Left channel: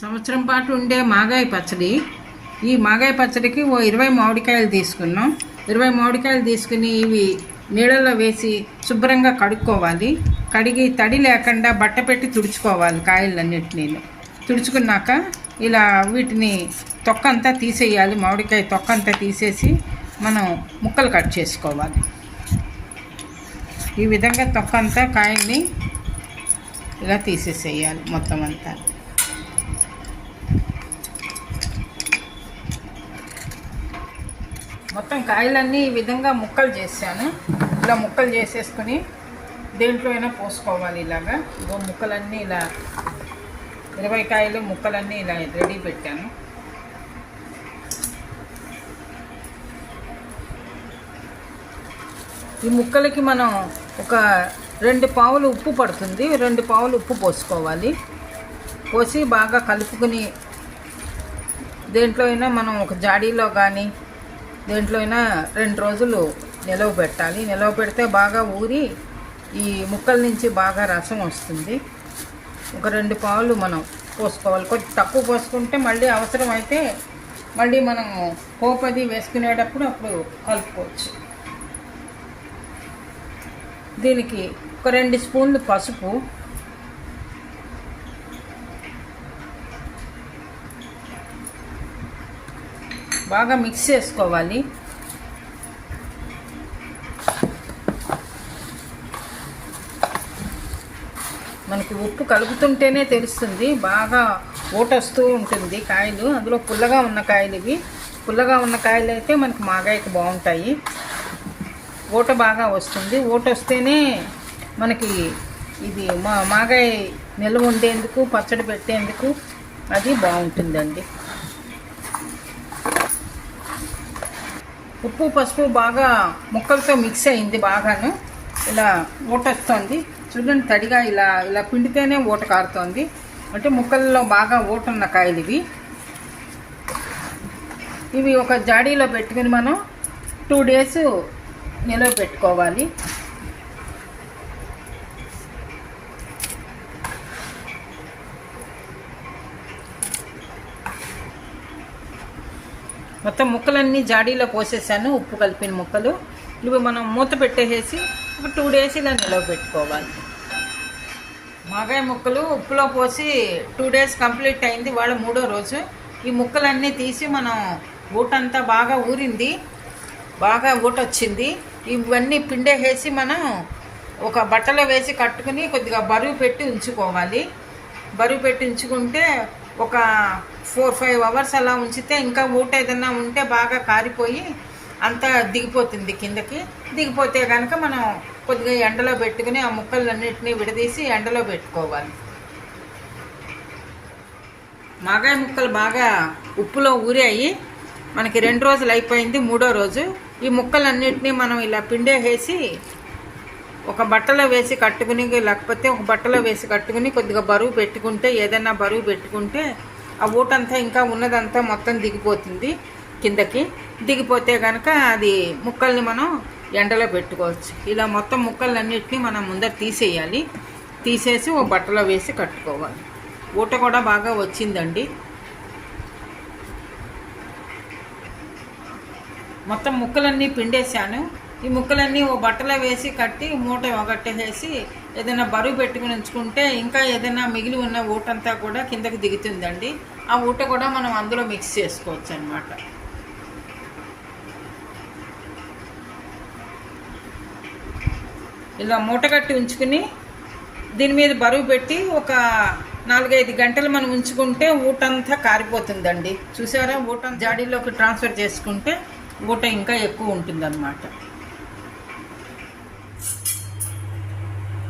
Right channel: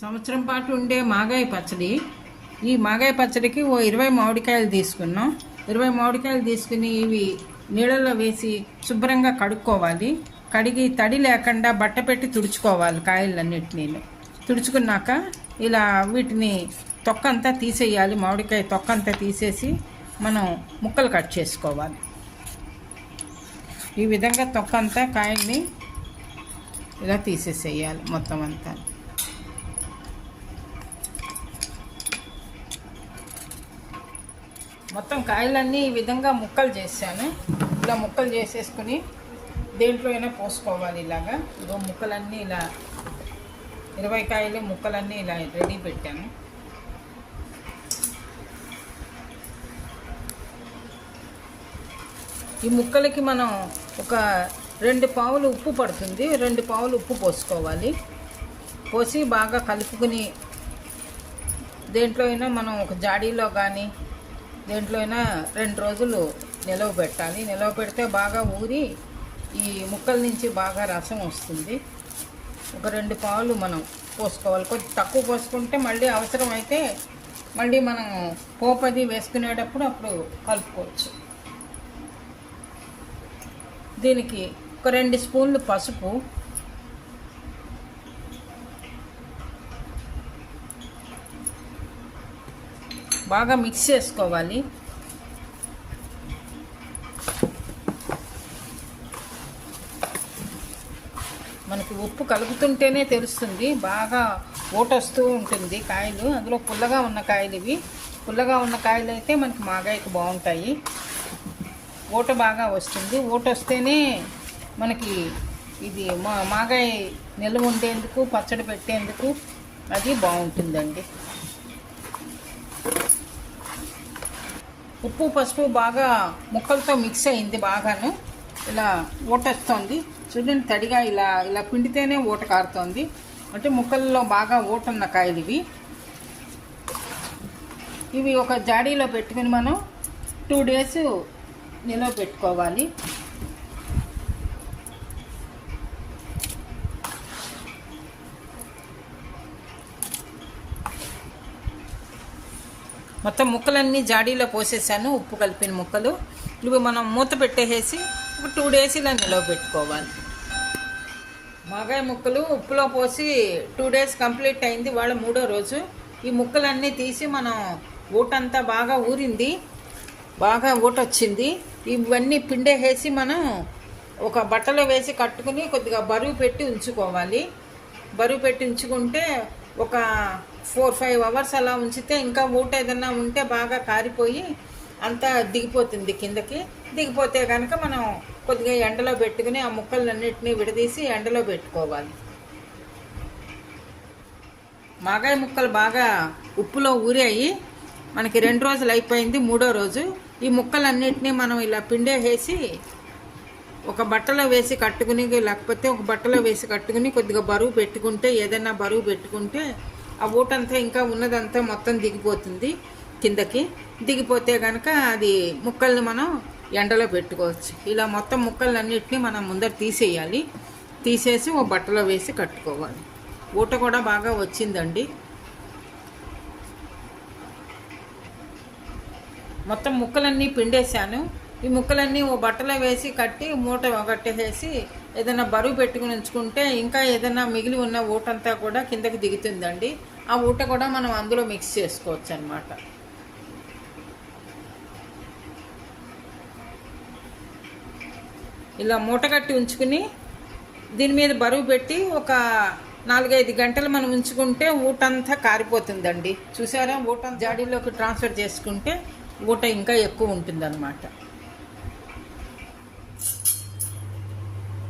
సంవత్సరం పాటు ఉండే మాగాయ పచ్చడి. ఈ మాగాయ పచ్చడికి ఓ ఇరవై మామిడికాయలు తీసుకున్నాం. ఇరవై మామిడికాయలు తీసుకుని ఇవి నీళ్ళలో వేసి శుభ్రంగా కడుక్కోవాలి. కడిగి తడి లేకుండా బట్ట పెట్టి తుడుచుకోవాలి కాయలన్నిటినీ. తుడుచుకున్నాక ఇలా వీటిని తొక్క అంతా తీసేయాలి. మామిడికాయ తొక్కంతా తీసేసి మనం ముక్కలు కట్ చేసుకోవాలి. ఈ విధంగా తొక్కంతా కాయల్ని ఇలా తీసేసేయాలి మొత్తం అంతా. మొత్తం కాయలన్నీ ఈ విధంగా ముక్కలు చేశాను. ఇలా ముక్కలు చేసేసుకుని దేంట్లో అయినా పోసుకోవాలి ఇలాగా. ఇగో ముక్కలన్నీ ఇలా ఇరవై కాయలు ముక్కలన్నీ ఇలా రెడీ పెట్టాను. ఈ ముక్కలకి మనం ఒక రెండు పావులు ఉప్పు పడుతుంది. రెండు పావులు ఉప్పు పోసుకోవాలి. పోసి బాగా కలుపుకుని దేంట్లో అయినా మనం ఒక జాడీలో కానీ దేంట్లో అయినా రెండు రోజులు నిలవ పెట్టాలి. నిలవ పెడితే బాగా ఊరి ఈ ముక్కల నుంచి బాగా రసం వస్తుంది. ఒక రెండు పాలు మనం పోసుకోవాలి. కొంచెం తక్కువ పోసుకుంటే మళ్ళీ అవసరం అయితే మళ్ళీ మనం పోపది వేసుకునేటప్పుడు అప్పుడు కలుపుకోవచ్చు. దీనికి ఒక రెండు స్పూన్లు పసుపు బాగా మిక్స్ చేసుకోవాలి. మనకి ఉప్పు కలుపుతుంటేనే తెలుస్తుంది బాగా ఓటొస్తూ ఉంటుంది కాయలు. అందులో పుల్లగా ఉన్న కాయలు ఇవి. పుల్లగా ఉన్న కాయలు అయితే మనకి మాగాయకు బాగుంటాయి. ఓట బాగా వస్తుంది. ఓట వస్తేనే మనకి ఇది మా మాగాయ నిల్వ ఉండేందుకు పచ్చడి పెట్టేందుకు అది బాగుంటుందండి. ఉప్పు పసుపు బాగా ముక్కలతో మిక్స్ అయింది బాగాను. ఇలా ఓటొస్తోంది. చూడండి తడిగా ఇలా ఇలా పిండితేనే ఓట కారుతోంది. అంటే ముక్కల్లో బాగా ఓటున్న కాయలు ఇవి ఇవి ఒక జాడీలో పెట్టుకుని మనం టూ డేస్ నిలవ పెట్టుకోవాలి. మొత్తం ముక్కలన్నీ జాడీలో పోసేసాను ఉప్పు కలిపిన ముక్కలు. ఇవి మనం మూత పెట్టేసేసి ఒక టూ డేస్ ఇలా నిలవ పెట్టుకోవాలి. మాగాయ ముక్కలు ఉప్పులో పోసి టూ డేస్ కంప్లీట్ అయింది వాళ్ళ మూడో రోజు. ఈ ముక్కలన్నీ తీసి మనం ఊటంతా బాగా ఊరింది బాగా ఊట వచ్చింది. ఇవన్నీ పిండేసేసి మనం ఒక బట్టలో వేసి కట్టుకుని కొద్దిగా బరువు పెట్టి ఉంచుకోవాలి. బరువు పెట్టి ఉంచుకుంటే ఒక ఫోర్ ఫైవ్ అవర్స్ అలా ఉంచితే ఇంకా మూట ఏదన్నా ఉంటే బాగా కారిపోయి అంతా దిగిపోతుంది కిందకి. దిగిపోతే కనుక మనం కొద్దిగా ఎండలో పెట్టుకుని ఆ ముక్కలన్నింటినీ విడదీసి ఎండలో పెట్టుకోవాలి. మాగాయ ముక్కలు బాగా ఉప్పులో ఊరాయి. మనకి రెండు రోజులు అయిపోయింది మూడో రోజు. ఈ ముక్కలన్నింటినీ మనం ఇలా పిండేసేసి ఒక బట్టలో వేసి కట్టుకుని లేకపోతే ఒక బట్టలో వేసి కట్టుకుని కొద్దిగా బరువు పెట్టుకుంటే ఏదైనా బరువు పెట్టుకుంటే ఆ ఊటంతా ఇంకా ఉన్నదంతా మొత్తం దిగిపోతుంది కిందకి. దిగిపోతే కనుక అది ముక్కల్ని మనం ఎండలో పెట్టుకోవచ్చు. ఇలా మొత్తం ముక్కలన్నిటిని మనం ముందర తీసేయాలి. తీసేసి ఓ బట్టలో వేసి కట్టుకోవాలి. ఊట కూడా బాగా వచ్చిందండి. మొత్తం ముక్కలన్నీ పిండేశాను. ఈ ముక్కలన్నీ ఓ బట్టలో వేసి కట్టి మూట ఒకటేసి ఏదైనా బరువు పెట్టుకుని ఉంచుకుంటే ఇంకా ఏదైనా మిగిలి ఉన్న ఊటంతా కూడా కిందకి దిగుతుందండి. ఆ ఊట కూడా మనం అందులో మిక్స్ చేసుకోవచ్చు అనమాట ఇలా మూట కట్టి ఉంచుకుని దీని మీద బరువు పెట్టి ఒక నాలుగైదు గంటలు మనం ఉంచుకుంటే ఊటంతా కారిపోతుందండి. చూసారా? ఊట జాడీలోకి ట్రాన్స్ఫర్ చేసుకుంటే ఊట ఇంకా ఎక్కువ ఉంటుందన్నమాట.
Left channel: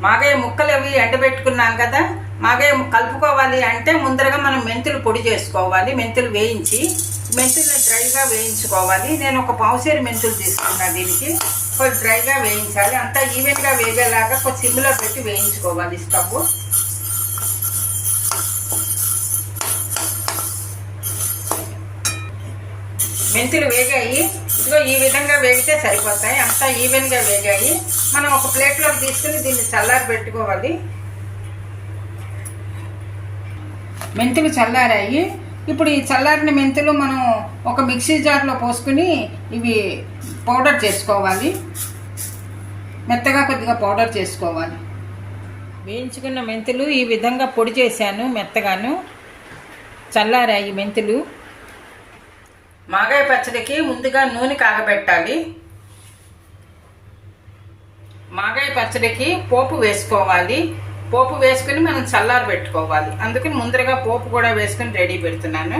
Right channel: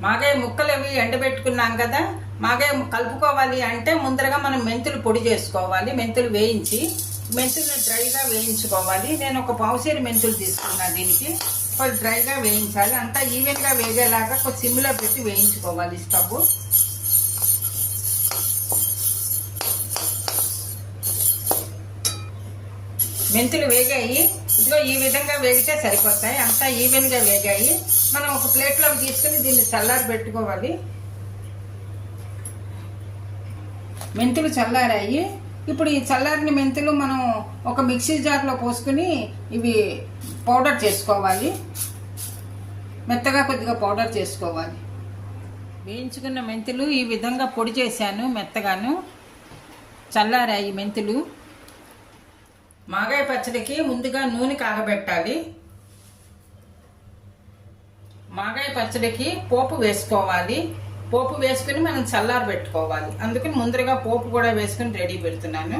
మాగే ముక్కలు అవి ఎండబెట్టుకున్నాం కదా? మాగే కలుపుకోవాలి అంటే ముందరగా మనం మెంతులు పొడి చేసుకోవాలి మెంతులు వేయించి మెంతులు డ్రైగా వేయించుకోవాలి. నేను ఒక పావుసేరు మెంతులు తీసుకుంటాను దీనికి. కొంచెం డ్రైగా వేయించాలి. అంతా ఈవెన్గా వేగేలాగా కొంచెం సిమ్లో పెట్టి వేయించుకోవాలి స్టవ్. మెంతులు వేగాయి. ఇదిగో ఈ విధంగా వేగితే సరిపోతాయి. అంతా ఈవెన్గా వేగాయి. మనం ఒక ప్లేట్లోకి తీసుకుని దీన్ని చల్లారి పెట్టుకోవాలి మెంతులు చల్లారాయి. ఇప్పుడు ఈ చల్లారిన మెంతులు మనం ఒక మిక్సీ జార్లో పోసుకుని ఇవి పౌడర్ చేసుకోవాలి. మెత్తగా కొద్దిగా పౌడర్ చేసుకోవాలి. వేయించుకున్న మెంతులు ఈ విధంగా పొడి చేశాను మెత్తగాను. చల్లారాయి మెంతులు. మాగాయ పచ్చడికి ముందుగా నూనె కాగబెట్టాలి. మాగాయ పచ్చడికి పోపు వేసుకోవాలి. పోపు వేసుకుని మనం చల్లారి పెట్టుకోవాలి. అందుకని ముందరగా పోపు కూడా వేసుకుని రెడీ పెడుతున్నాను.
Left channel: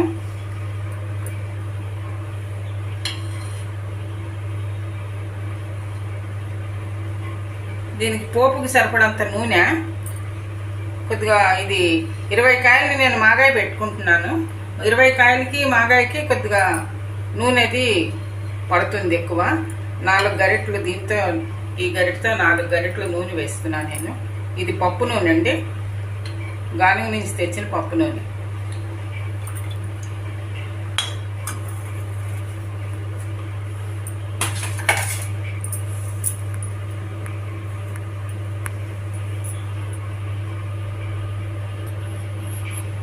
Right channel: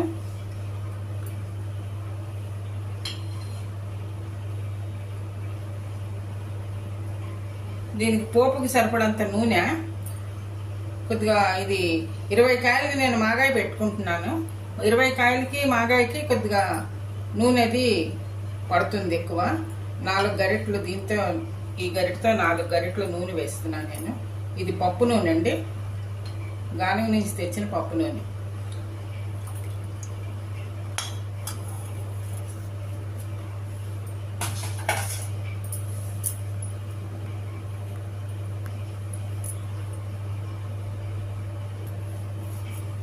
దీనికి పోపుకి సరిపడంత నూనె. కొద్దిగా ఇది ఇరవై కాయలు నేను మాగాయ పెట్టుకుంటున్నాను. ఇరవై కాయలకి మాగాయకి కొద్దిగా నూనెది పడుతుంది ఎక్కువ. నాలుగు గరిటెలు దీంతో ఈ గరిటతో నాలుగు గరిటెలు నూనె వేస్తున్నాను నేను. ఇది పప్పు నూనె అండి. గానుగ నుంచి తెచ్చిన పప్పు నూనె.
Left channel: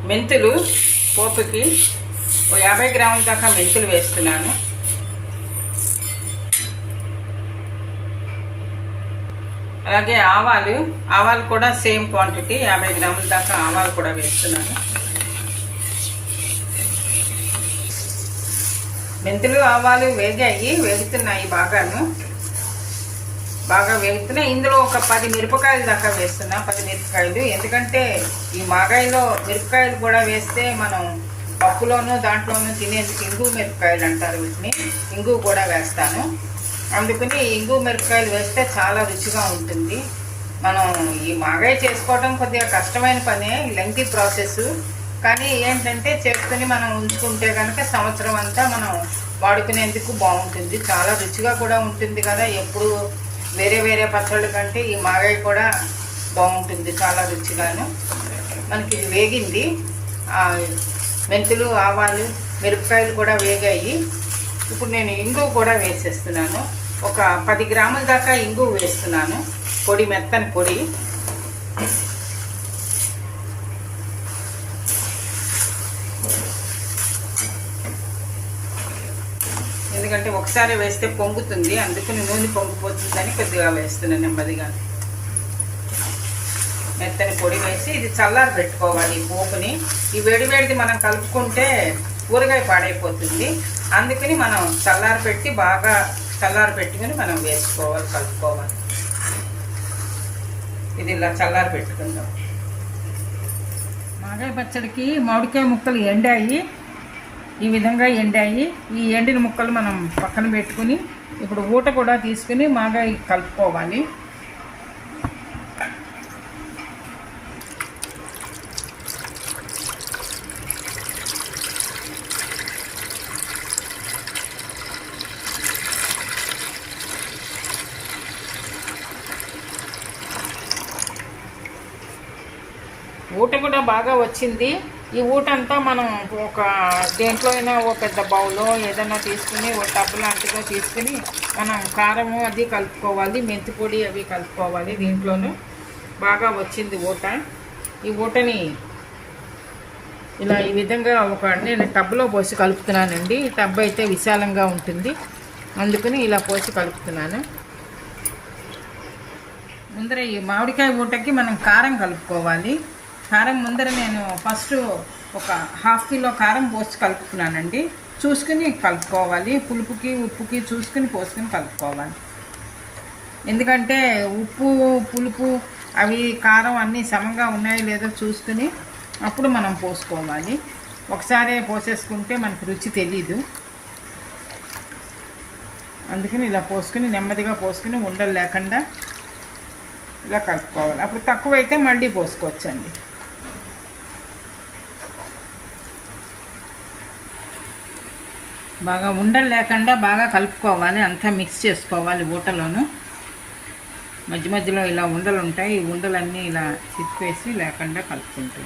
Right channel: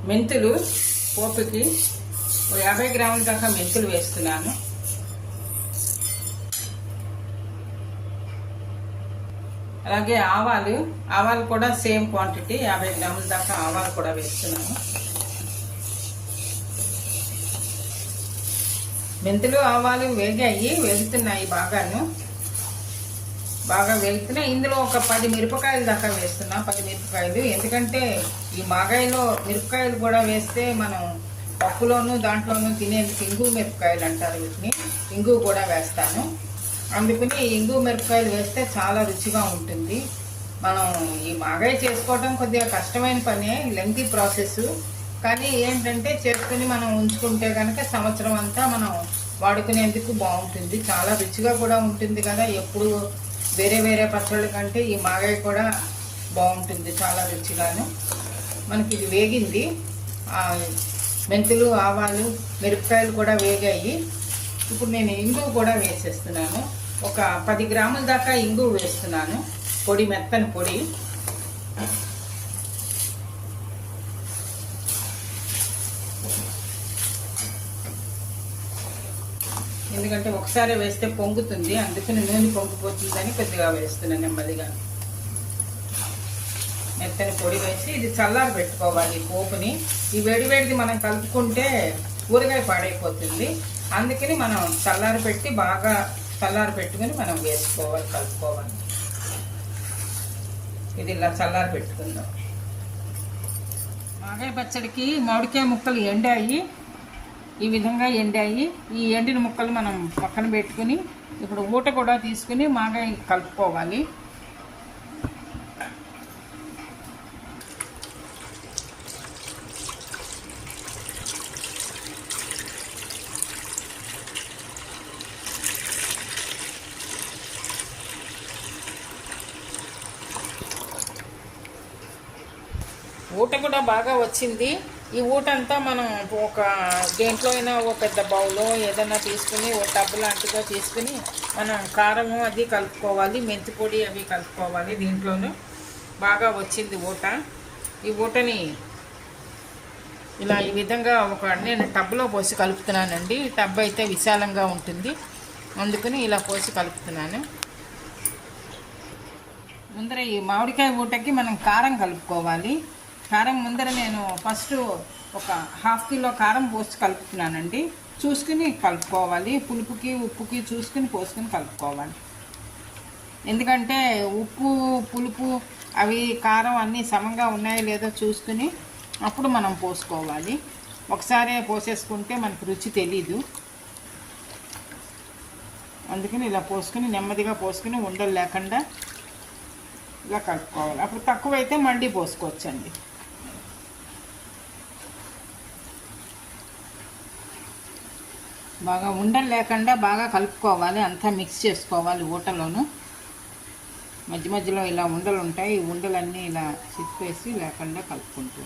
మెంతులు పోపుకి ఓ యాభై గ్రాముల దాకా మెంతులు వేస్తున్నాను. అలాగే ఆవాలు ఆవాలు కూడా సేమ్ క్వాంటిటీ యాభై గ్రాముల దాకా ఆవాలు కూడా వేస్తున్నాను. మెంతులు ఆవాలు వేగాయి వేగుతున్నాయి బాగాను. బాగా వేగుతున్నాయి ఇందులో ఒక పది మిరపకాయలు దాకా వేస్తున్నా పది మిరపకాయలు. ఎందుకంటే ఈ మాగాయిలో మిరపకాయలు కూడా వేస్తే మనం పప్పులోనూ దాంట్లోనూ తినేందుకు ఇంగు మిరపకాయలు అంటారు వీటిని. ఇంగు కూడా వేస్తాను. అందుకని ఇంగు మిరపకాయలు వేస్తే చాలా రుచిగా ఉంటుంది. మనం ఈ మాగాయ చేసుకోవడం కొద్దిగా కష్టమైన పనే లెంగ్తీ ప్రాసెస్. కానీ ఏంటంటే చేసుకుని మనం ఉంచుకుంటే కనుక సంవత్సరం అంతా మనం వాడుకునేందుకు బాగుంటుంది. చాలా రుచిగా కూడా ఉంటుంది కదా. ఎప్పుడు వేరే వేరే పచ్చళ్ళు కంటే ఈ మాగాయ కూడా బాగుంటుంది చాలా రుచిగాను. మనకి ఇది వేగింది. మెంతులు ఆవాలు మిరపకాయలు కూడా వేగాయి. ఇప్పుడు నేను ఇంగు కూడా వేసేస్తున్నాను. ఒక పది గ్రాముల దాకా ఇంగు వేస్తున్నాను. పొడి మెత్తని పొడి. ఎందుకంటే ఒకసారి వేస్తే పొంగుతుంది. అందుకని నూనె పొంగిపోతుందని కొద్దిగా వేస్తున్నాను నెమ్మదిగా. మెత్తని పొడి వేసి ఇది చల్లారి పెట్టుకోవాలి ఈ పోపుని. ఈ వేడివేడిది మనం కలుపుకుంటే ఊరగాయ పాడైపోతుంది. అందుకని మనం చల్లారి పెట్టి బాగా చల్లారి పెట్టుకుని మనం వేసుకోవాలి కలుపుకోవాలి. ఇది ఇలా చల్లారి పెట్టుకుందాం. మాగాయ పచ్చడికి మామిడికాయ ముక్కలు ఎండాయి. ఈ విధంగా ఎండాయి. ఈ ఎండిన ముక్కలు మనం పక్కన పెట్టుకుని ఇప్పుడు ఊట కూడా తీసుకుని మాగాయ కలుపుకోవాలి. ఊట కూడా బాగా వచ్చింది. ఈ ఊట అంతా మనం ఒక దేంట్లో అయినా ఒక పెద్ద బౌలో ఏదైనా తీసుకుని ఒక టబ్బు లాంటిదో తీసుకుని మనం కారము అది కలుపుకోవాలి మెంతి పొడి అవి కలుపుకోవాలి దీంట్లోనూ. బాగా వచ్చింది ఊట. ఈ ఊటని ఇలా ఈ విధంగా ఒక నేను టబ్లో పోసి కలుపుతున్నానండి. టబ్ అయితే విశాలంగా ఉంటుంది. అందుకని ఇలా పోసి కలుపుతున్నాను. ముందర ఈ మామిడికాయ ఊటకి మనం కారం కలుపుకోవాలి. కారం ముందర నేను ఫస్ట్ ఒక హాఫ్ కిలో కారం పోసి కలుపుకున్నానండి. చూసుకుని కలుపుకోవాలి. పులుపుకి ఉప్పుకి చూసుకుని పోసుకుని కలుపుకోవాలి. ఎందుకంటే ఉప్పు పులుపు అవి కారం అన్నీ సమంగా ఉన్నాయో లేదో చూసుకుని అప్పుడు మనం పోసుకోవాలి. ఒకసారే పోసేసుకుంటే మనకు రుచి తెలీదు. అందుకని ఇలా పోసుకుని నెమ్మదిగా పోసుకుని ఉండలు లేకుండా ఇలా కలుపుకోవాలి. అప్పుడు తక్కువైతే మళ్ళీ పోసుకోవచ్చండి. బాగా ఉండలు లేకుండా బాగా కలుపుకోవాలి. అంతా మిక్స్ చేసుకోవాలి ఊటలోను మధ్య మధ్యలో ఇలా ఉండలు ఉంటాయి. ఈ ఉండలన్నీ ఇలా చిప్పేసి లేకుండా కలుపుకుంటూ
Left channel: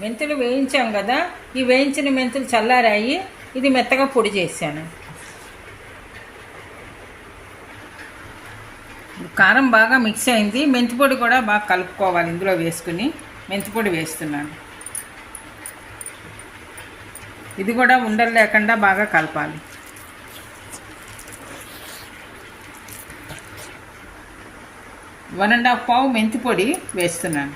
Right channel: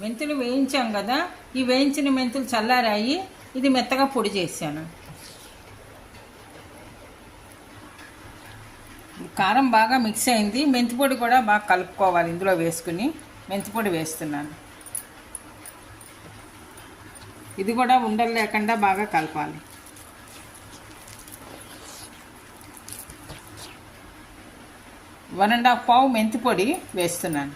మెంతులు వేయించాం కదా. ఈ వేయించిన మెంతులు చల్లారాయి. ఇది మెత్తగా పొడి చేశాను. కారం బాగా మిక్స్ అయింది. మెంతిపొడి కూడా బాగా కలుపుకోవాలి ఇందులో వేసుకుని. మెంతిపొడి వేస్తున్నాను. ఇది కూడా ఉండలు లేకుండా బాగా కలపాలి. వన్ అండ్ హాఫ్ పావు మెంతి పొడి వేస్తున్నాను.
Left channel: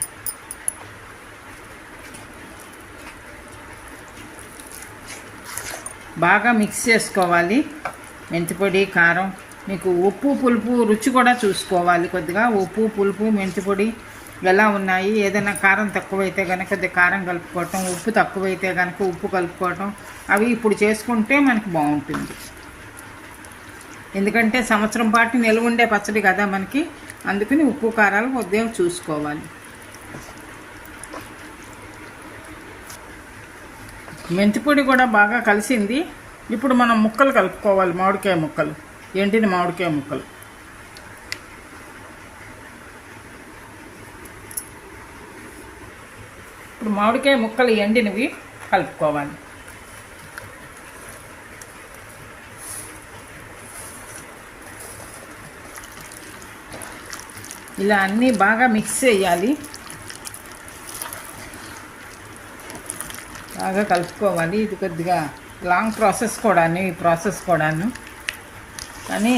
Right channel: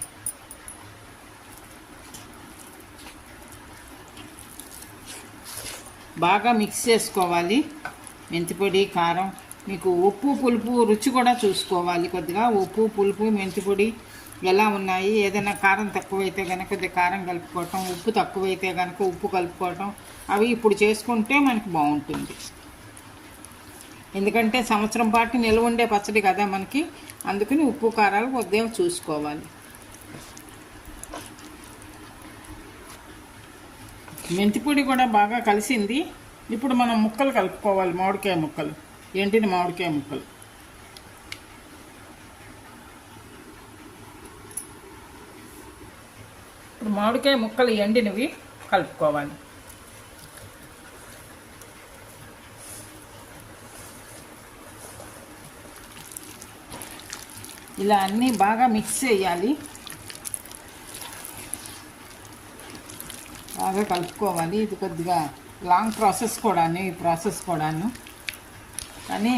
బాగా మిక్స్ చేసుకోవాలి. మెంతిపొడి కారం మీకు ఉప్పు పులుపు రుచి కూడా చూసుకోవాలి. కొద్దిగా ఉప్పు పులుపు మెంతిపొడి ఎలా ఉన్నాయి? ఏదైనా కారం తక్కువైతే కనుక కొద్దిగా కారం కలుపుకోవటం ఉప్పు తక్కువైతే కనుక ఉప్పు కలుపుకోవటం అవి ఇప్పుడు చేసుకుంటే మనకి బాగుంటుంది. ఎందుకంటే సంవత్సరం పాటు నిల్వ ఉండే పచ్చడి కదా మనకి. అందుకని ఉప్పు కారాలు ఉదయం చూసుకోవాలి. మెంతిపొడి కూడా బాగా కలిసింది. ఇప్పుడు మనం ముక్కలు కలుపుకోవాలి మామిడికాయ ముక్కలు. ఎండిన మామిడికాయ ముక్కలు? ఇప్పుడు మామిడికాయ ముక్కలు ఎండినవి కలుపుకోవాలి. ఇలా అన్నీ బాగా మిక్స్ చేయాలి. బాగా కలుపుకోవాలి. ఇది కొద్దిగా లాంగ్ ప్రాసెస్ కూడాను ఈ ప్రాసెస్ కూడాను. కానీ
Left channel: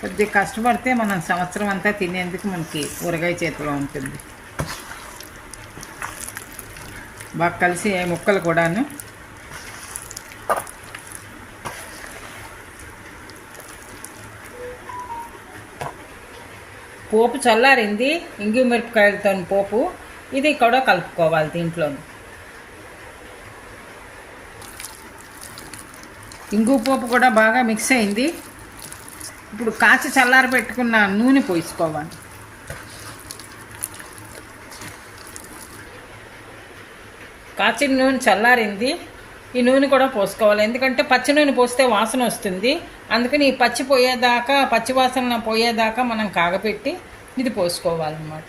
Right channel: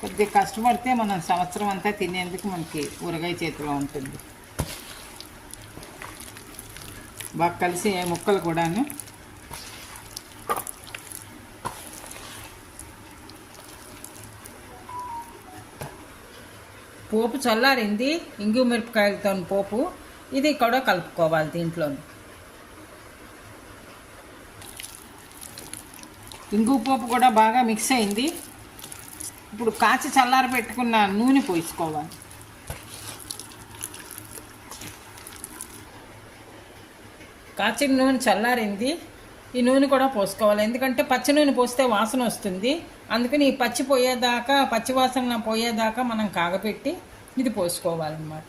కొద్దిగా కష్టపడితే మనం సంవత్సరం అంతా తినేందుకు మనకి ఊరగాయ చేతిలో ఉంటుంది. బాగా కలిసి ముక్కలు కూడాను. పోపు చల్లారింది ఇంగు మిరపకాయలతో పోపు. ఇది కూడా కలుపుకోవాలి దీంట్లో ఇంగు పోపు కూడా బాగా మిక్స్ అయింది. ఇప్పుడు కాచి చల్లారి పెట్టుకున్న నూనె పోసుకోవాలి. కాచిన నూనె చల్లారింది. ఈ నూనె కూడా పోసుకోవాలి. ఎందుకంటే పచ్చి నూనె పోస్తే వాసన వస్తుంది. అందుకని ఈ పచ్చి పోయేదాకా పచ్చి వాసన పోయేదాకా మనం కాగపెట్టి ఇది పోసుకోవాలన్నమాట.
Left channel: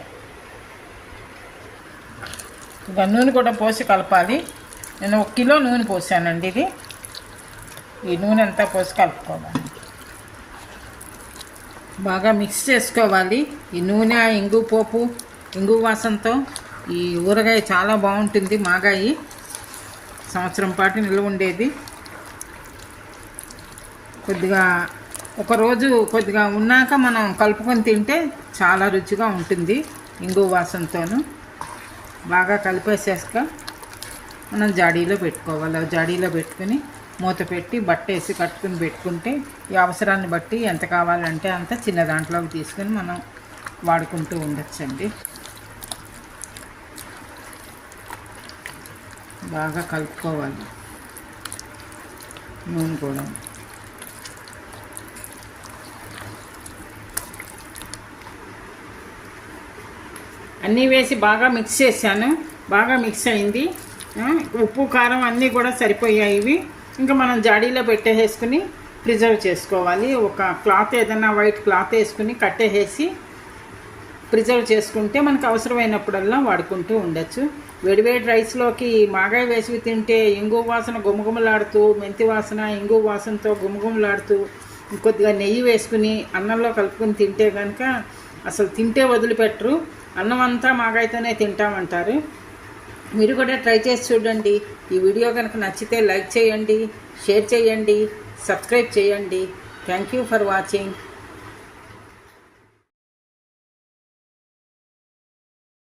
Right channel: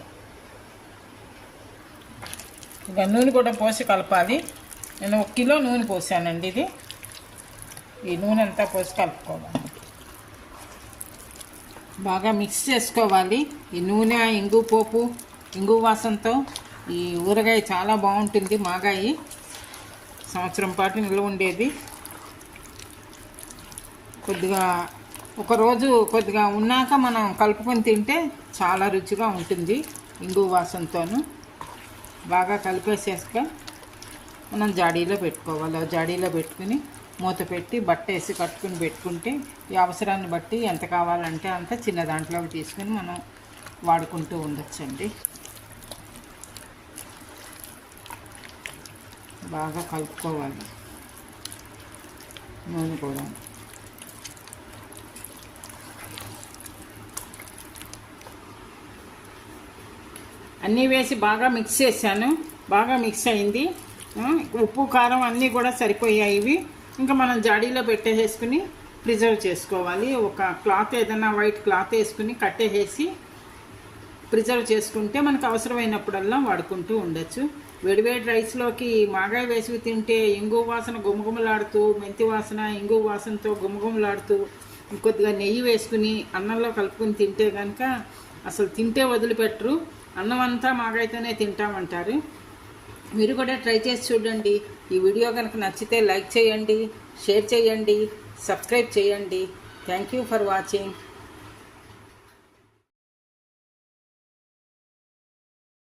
ఇక నూనె కూడా పోసి కలపాలి. నేను ఒక కిలో నూనె పోసానండి ఇది. ఈ నూనె అంతా పోసి కలుపుకోవాలి. బాగా మిక్స్ చేసుకోవాలి. ఈ నూనె ఇంగు పోపు ఇంగు వాసనతో ఈ ఊరగాయ చాలా బాగుంటుంది మాగాయి. సంవత్సరం పాటు నిల్వ ఉండేది. కొద్దిగా ఒకరోజు కొద్దిగా ఉన్నాక మనం కలుపుకొని తింటే చాలా రుచిగా ఉంటుంది ఇంగు వాసనతోను బాగా కలిపేసాక మనం జాడీలో పెట్టుకోవాలి. జాడీలో పెట్టుకుని మూత పెట్టి బట్ట వేసి కట్టుకుని పెట్టుకుంటే ఈ అవసరాన్ని బట్టి ఎంత కావాలంటే అంత చిన్న దాంట్లోకి తీసుకుని మనం వాడుకుంటూ ఉండొచ్చండి. బాగా కలుపుకోవాలి. నూనె కూడా. అన్నీ వేసి బాగా మిక్స్ చేశాను. బాగా మిక్స్ అయింది. ఉప్పు కారం అన్నీ కూడా సరిపోయాయి ఇవి. ఇంకా మనం జాడీలో పెట్టేసుకుని ప్రిజర్వ్ చేసుకోవాలి. ఒక క్లాత్ ఏదైనా వైట్ క్లాత్ వేసుకుని కట్టేసి ప్రిజర్వ్ చేసుకుంటే మనకు అవసరమైనప్పుడల్లా వాడుకుంటూ ఉండొచ్చు. వేడివేడి రైస్లోకి మాగాయ వేసి తింటే ఇంగు వాసన గుమగుమలాడుతూ మెంతి వాసన ఇంగు వాసనతో గుమగుమలాడుతూ కొద్దిగా నెయ్యి వేసుకుని అన్నంలో కలుపుకొని తింటే కనుక అసలు తింటే వదిలిపెట్టరు. అన్నం అంతా మాగాయతోనే తింటామంటారు. మీరు కూడా ట్రై చేసి చూడండి. ఈ వీడియో కనుక నచ్చితే లైక్ చేయండి షేర్ చేయండి సబ్స్క్రైబ్ చేయండి. Thank you for watching